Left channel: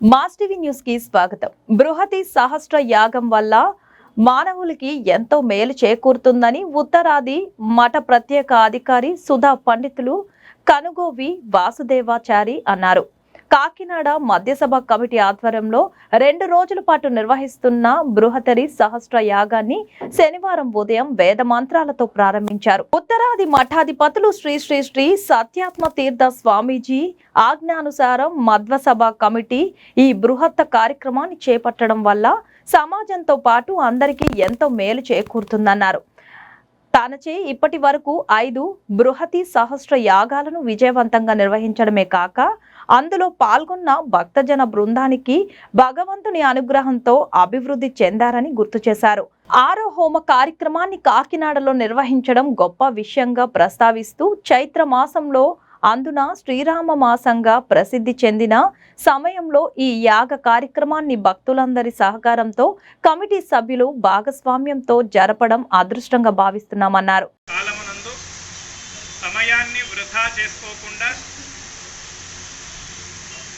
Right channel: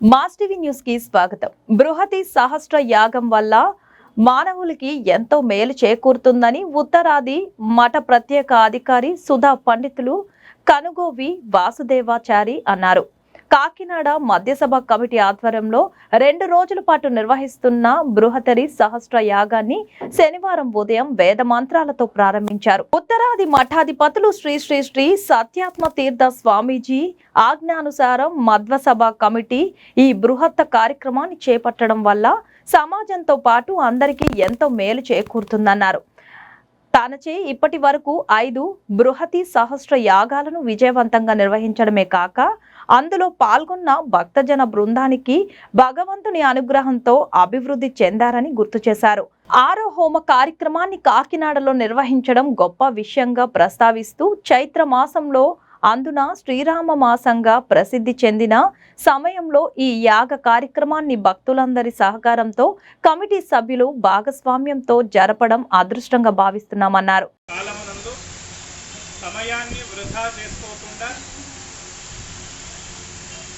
Mass TV news కి స్వాగతం. బృహతి సహస్ర యాగం వల్ల మానవులకి ఎంతో మేలు చేకూరుతుందని ఉత్తరాది మఠ ప్రత్యేక అధికారి సుధా పండితులు కనుగోవి వాసుదేవాచారి అన్నారు. కాకినాడ మధ్యసభ కమిటీ ఆధ్వర్యంలో 2 రోజుల పాటు నిర్వహిస్తున్న బృహతరి సహస్ర యాగాన్ని శనివారం ఉదయం వేద మంత్రాలతో ప్రారంభించారు. ఉత్తరాది మఠాధిపతులు శ్రీ శ్రీ శ్రీ సత్యాత్మ తీర్థ స్వామీజీ ఆజ్ఞానుసారం మధ్వసభ కమిటీ ఈ బృహత్ కార్యక్రమాన్ని చేపట్టడం వల్ల సమాజంతో పాటు అందరికీ ఎంతో మేలు చేకూరుతుందన్నారు. తానచే ఇప్పటి వరకు 5 బృహతి సహస్ర యాగాలను విజయవంతంగా నిర్వహించడమే కాక అందులో పాల్గొన్న భక్తజన బృందానికి భగవంతుని అనుగ్రహంతో అభివృద్ధి చెందారని గుర్తు చేశారు. 6వ హోమ కార్యక్రమాన్ని కాకినాడలో నిర్వహించడం గొప్ప విషయంగా ప్రస్తావిస్తూ చైత్ర మాసంలో అందున శ్రీరామ మాసంగా ప్రసిద్ధి చెందిన సమయంలో ఈ యాగ కార్యక్రమాన్ని భక్తులందరి సహకారంతో కమిటీ సభ్యులు భాగస్వామ్యంతో జరపడం అదృష్టంగా భావిస్తున్నామన్నారు. కాలమునందు సమయాన్ని వృధా చేసుకోకుండా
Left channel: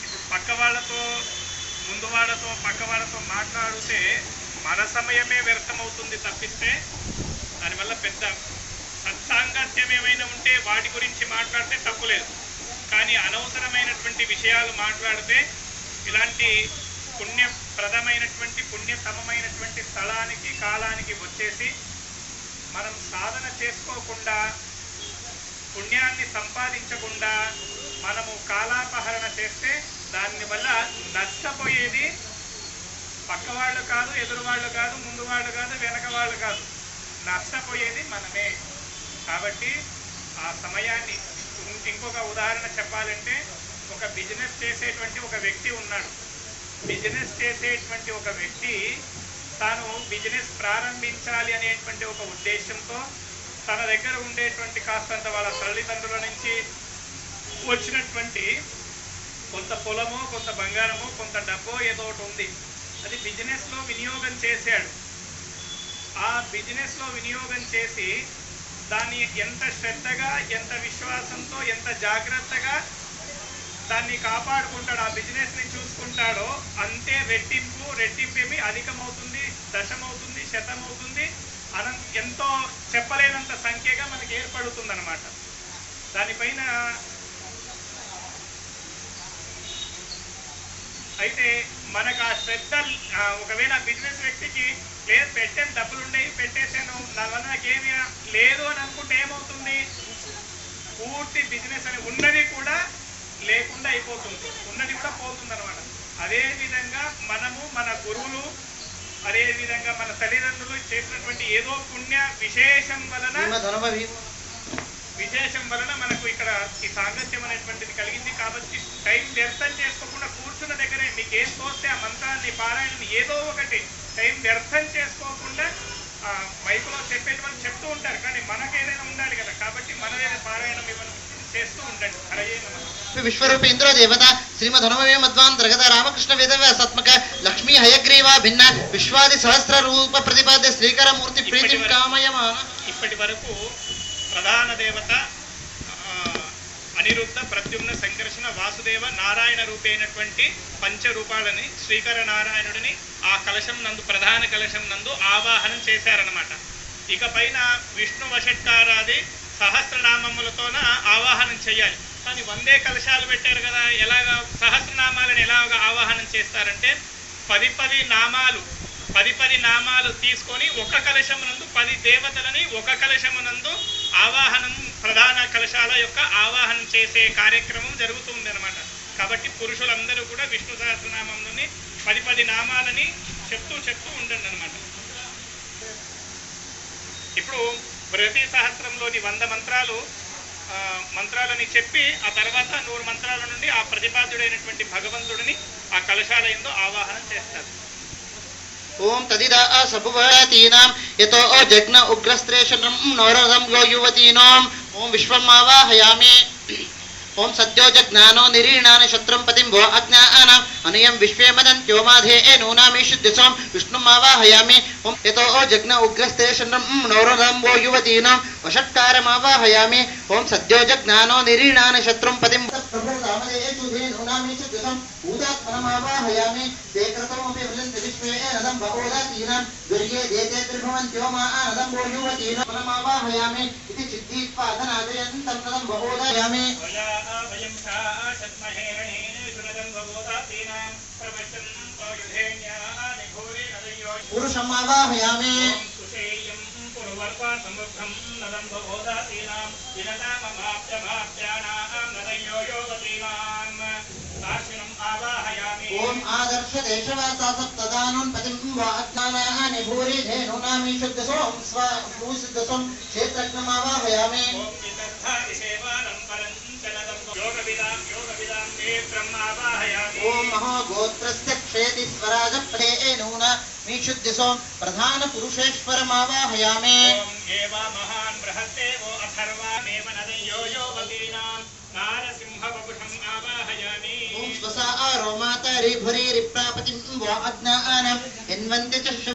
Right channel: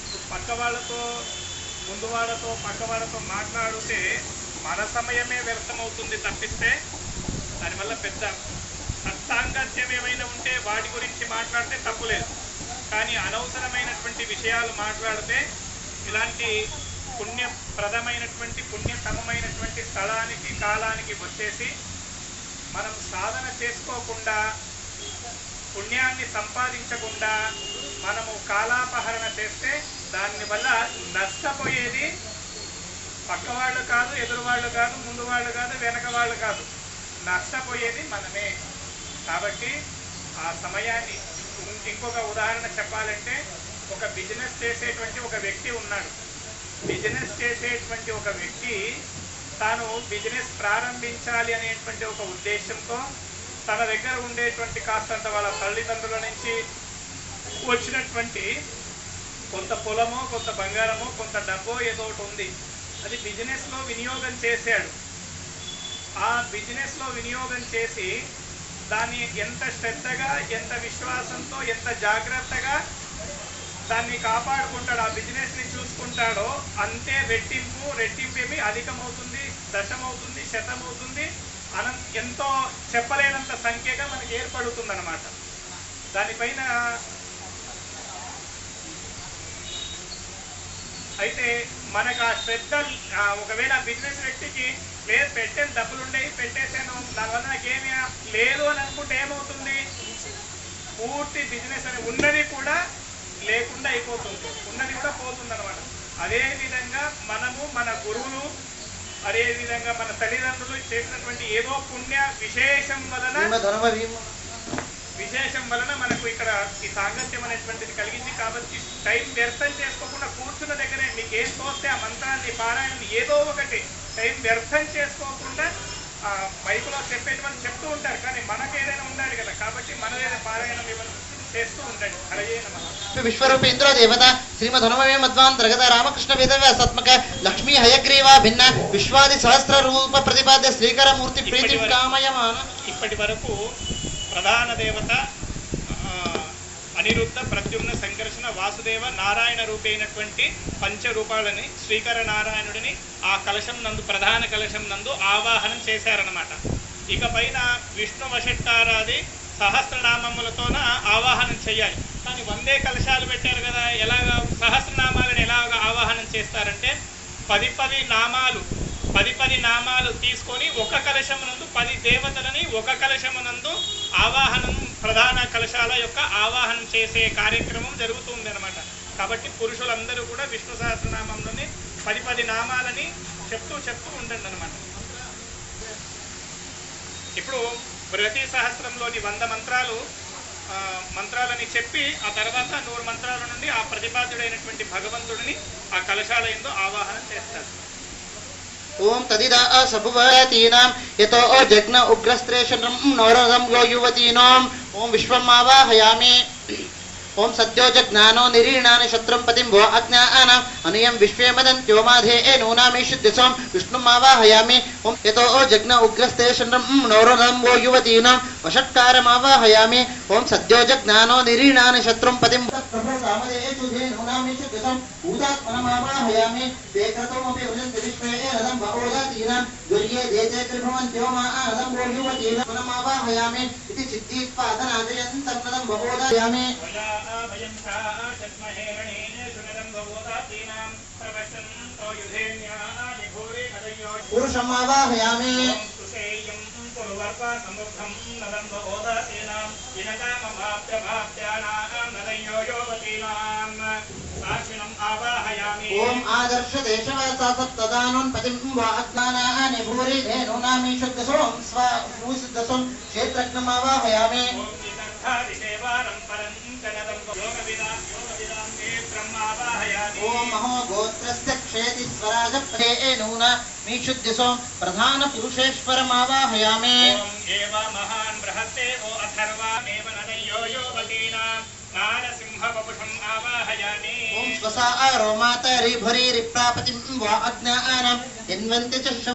ఇప్పుడు పక్క వాళ్ళతో ముందు వాళ్ళతో పక్క వాళ్ళతో మాట్లాడితే మన సమయమే వ్యర్థమవుతుంది తప్పిస్తే దానివల్ల పెద్ద సత్సాంగత్యం ఏమైనా ఉంటే వాటి గురించి మాట్లాడితే తప్పులేదు. కానీ అనవసరమైనటువంటి విషయాలు మాట్లాడితే ఇలాంటి పుణ్యప్రదమైనటువంటి పుణ్యతమమైనటువంటి స్థలానికి కాలానికి వచ్చేసి మనం సాధన చేసుకోకుండా పుణ్యాన్ని సంపాదించకుండా మనము కాలాపహరణ చేస్తే దానివల్ల నష్టపోయేది పక్కవాళ్ళు కాదు, ఎదురువాళ్ళు కాదు, ముందు వాళ్ళు కాదు, వెనక వాళ్ళు కాదు, నష్టపోయేది మనమే. కాబట్టి ఆ సమయాన్ని ఇంకొక ఉదాహరణ చెప్పాలంటే ఒక బిజినెస్ చేసేటువంటి ఒక వ్యక్తి ఉన్నాడు. బిజినెస్ చేసేటువంటి ఒక వ్యక్తి తాను బిజినెస్ ప్రారంభించాలి అనేటువంటి ఒక ఉద్దేశంతో తన దగ్గర ఉండేటువంటి కాస్తంత వాళ్ళ తల్లిదండ్రుల నుంచి వచ్చినటువంటి కొంత పొలమో కొంత బంగారమో కొంత డబ్బో ఏదో ఒకటి ఉంది, అది బిజినెస్లో వినియోగం చేశాడు. ఆ బిజినెస్లో వినియోగం చేసి దాన్ని ఎంత శ్రద్ధగా, ఎంత విశ్వాసంతో, ఎంత జాగ్రత్తగా దాన్ని కాపాడుకుంటాడో, ఆ బిజినెస్ని చూసుకుంటాడో అంతే రెట్టింపేమి అధికమవుతుంది, దశమవుతుంది, శతమవుతుంది, ఎంతో చెప్పలేనంత సంఖ్యగా మనకి ఏర్పడుతుంది అన్నమాట. దానిపైన అయితే మనకు ఆ శ్రద్ధ ఒకవేళ బిజినెస్ వ్యక్తికి లేదు పెట్టేసి డబ్బులు ఉండేవి పెట్టేసాను నా వల్ల నాకేమీ లేదు అని అనుకుంటే ఏమవుతుంది, పూర్తి బిజినెస్ అని ఉన్నది కూడా లేకుండా అయిపోతుంది, ఉన్నది కూడా పోతుంది అనమాట. అదేవిధంగా మనము మన గురువులు, అదేవిధంగా మన తల్లిదండ్రులు చేసినటువంటి ఏదో పుణ్య విశేషం వలన మనకు ఇక్కడ ఈ సాంగత్యం అనేటువంటిది కలిగింది. కాబట్టి టైం వ్యర్థం చేసుకోకుండా కూర్చున్న దగ్గరే మీకు ఏం తోస్తే ఆ మంత్రాన్ని పారాయణ ఏదో ఒకటి టైం వ్యర్థం చేసుకోకుండా మైకులో చెప్పేటి వాళ్ళు చెప్తూ ఉంటారు, కానీ మనకు ఏదైనా ఉండాలి కదా, కాబట్టి మన ఏదైనా పారాయణం చేస్తూ ఉంటాడు. విశ్వరూపేంద్ర దేవత శ్రీమధనుమవే మధ్వాంతర్గత రామకృష్ణ వేదవ్యాసాత్మక లక్ష్మీ హయగ్రీవా భిన్న విశ్వాది సహస్ర రూప ప్రతిపాద్య శ్రీకర మూర్తి ప్రీతి కామయమాన. ఇప్పటి వరకు ప్రధాన దేవత అనిరుద్ధ, ప్రద్యుమ్న, సంకర్షణ, వాసుదేవ, నారాయణ రూపైనటువంటి పంచరూపాలని శ్రీకర నారాయణుడిని ఆ కలశం నందు, ప్రధాన కలశం నందు ఆవాహనం చేశారనమాట. ఇక పైన విష్ణు వషట్కారాది సహస్రనామములతోన ఆవాహనం చేయాలి. కానీ 100 కలశాలు పెట్టారు కదా, ఎలాగా సహస్రనామాలను ఎలాగా ఆవాహనం చేస్తారంటే 10 నామాలు తీసుకొని ఒక కలశమునందు 10 దేవతలని ఒక కలశమునందు ఆవాహనం, ప్రధాన కలశాల యొక్క ఆవాహనం చేసే కార్యక్రమం జరుగుతుంది అనమాట. కాబట్టి పురుషులందరూ కూడా విష్ణు సహస్రనామంలోని 10 నామాలని చెప్తూ ఉండండి అనమాట. ఇప్పుడు బృహతి సహస్రంలోని 100 మంత్రాలని చెప్పి ఆ తర్వాత 100 మంత్రాల నుండి ఆ ప్రతిపాద్యుడైనటువంటి భగవంతుడిని ఆ కలశాల యందు ఆవాహనం చేస్తారు. ఓం తదిదా సభువతీనాం యతో జగ్న ఉగ్రస్త్రేషణం నవరసం యువతీనాం ఓం విశ్వమావాహయామి. ओम सद्योजज्ञानो निरीणानि शत्रुं पतिं भो अज्ञानाम् अनियं विश्वे मदन्त्यो माधे नूनामीशुद्धिसों विष्णुमावाहयामि ओम यतो जग्न उग्रस्ते शरणं नौरराम्बो युवतीनां वषट्कारमावाहयामि ओम सद्योजज्ञानो निरीणानि शत्रुं पतिं प्रभुरामदेषु नूनामीशुद्धिसों भूतात्मनमावाहयामि ते कृतमपि वदन्ति विश्वे नदं भवोदातीनां दुर्ये देते त्रिभुवन्त्यो मानदं भो युवतीनां नमावाहयामि इति चित्तीत्पादनादयन्तं नदं भवोदायामि भयं शद्महे रणेषु नदं भवोदातीनां प्रवशन्तो युधेन्यानि भूरि नदयो पुरुषमावाहयामि सुषेयं पुरुवर्गसमुद्धं नदं भवोदातीनां इनकाममाप्यमाप्यानां नदयो योगतीनां काशिनम् आवाहयामि ओम आदर्श देशवासा सप्तदानं पतिं वा अज्ञानानि भूरि धेनूनामीशुद्धसों स्वाभूषुद्धसों क्षेत्रज्ञमावाहयामि ओम महोगोत्रस्य क्षेतीश्वराज नूना मीशुद्धिसों प्रधान पुरुषेश्वरमावाहयामि महान् बृहत्तेवो अथर्वामेव नदयो योगतीनां नारसिंहवपुषम् आवाहयामि ओम स्वसा रोमातरि भुरि रिप्रापतिं वा अज्ञानां हिन्वन्ति च